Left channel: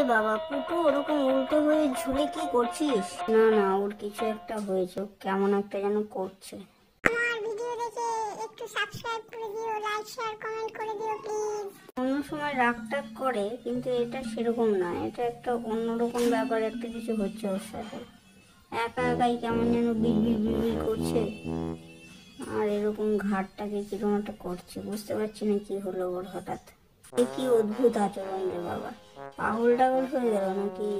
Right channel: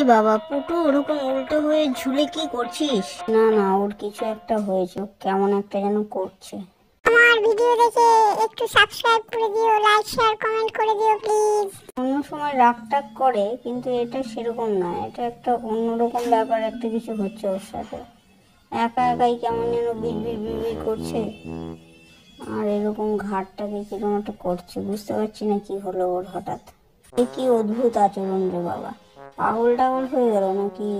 এ বাবা, পুটু ওরকম উল্টো হয়ে ঝুলে কি করছিস? না না, ওর কিছু একটা হয়েছে, কেমন একটা যেন করছে। আমার ভিডিও দেখে একটু সাবস্ক্রাইব করে দিও, লাইক শেয়ার কমেন্ট করে দিও প্লিজ। অন্য সময় রাগ টাগ করে, কিন্তু এটা সেরকম না, এটা একটা অন্যরকম ব্যাপার, একটা কিছু হচ্ছে ওর সাথে। একা একাই কেমন যেন বিড়বিড় করছে, আর এরকম ঘাটটাকে কিরকম একটা করছে, বুঝতে পারছি না কি হলো ওর হঠাৎ। কি অদ্ভুত আচরণ রে বাবা, পাগল টাগল হয়ে গেল নাকি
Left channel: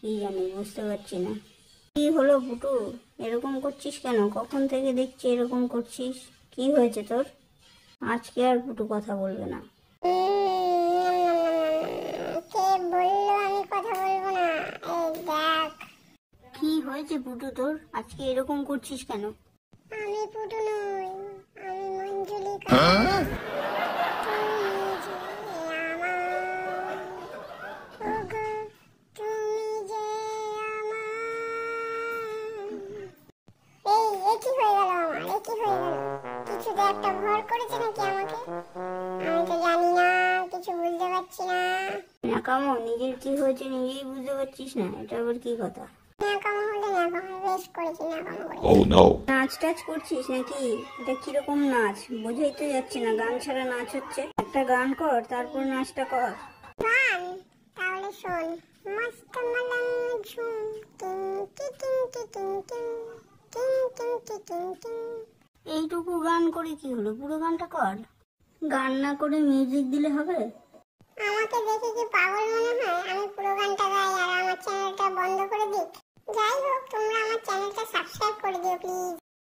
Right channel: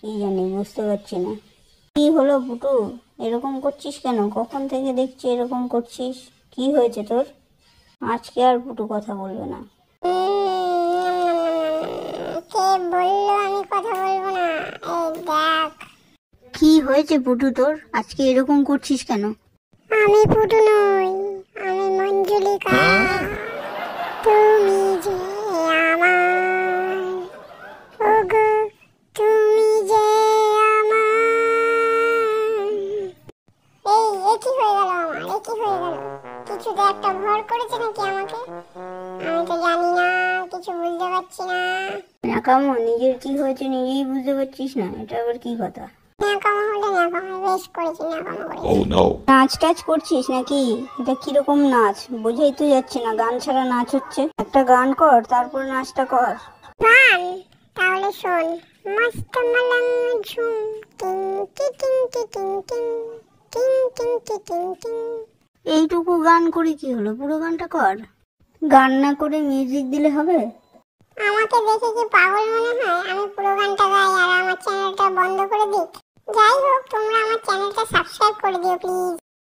কি জানি, বুঝতে পারছি না। কি হলো পুটু, এরকম করছিস কেন? কখন থেকে দেখছি এরকম করছিস, কি হয়েছে তোর? আজকে আর পুটু কথা বলবে না। কে বললো আমি কথা বলবো না? এই দেখ। কি হয়েছে পুটু তোর, আজকে এরকম করছিস কেন? আমি পুটু নই, আমি মঞ্জুলিকা। তুমি যে আমার, ওগো তুমি যে আমার। এই কি হয়ে গেল আমার, কি হয়ে গেল? কিছুতে একটা ভর করেছে নাকি আমাকে? আমি তো জানি না, কিছু বুঝতে পারছি না। ন্যাকামো, নিজের কি হয়েছে নিজেই বুঝতে পারছিস না, এটা আবার কি কথা? ন্যাকামো হলে ন্যাকামো, বেশ করেছি ন্যাকামো করে। নাচ টাচ করছিস নাকি? এটা কিরকম নাচ বোঝাই তো যাচ্ছে না, গান ছাড়া নাচ হচ্ছে? একটা গান কর, তারপর নাচটা কর। গান? তাহলে শোন। মস্ত মলঙ্গ ঝুম, টিং টি টিং টি টিং টিং, টিং টিং টি টিং টিং। এইটুকু গান করে কি হলো, পুরো গানটা কর। গান না করে মিউজিক দিলে হবে? আমাকে দেখে কি পাগল মনে হয় আমি পুরো গানটা গাই আর আমার চ্যানেলটা বন্ধ করে দিই? যাই হোক, তোমরা আমার চ্যানেলটা সাবস্ক্রাইব করে দিও প্লিজ।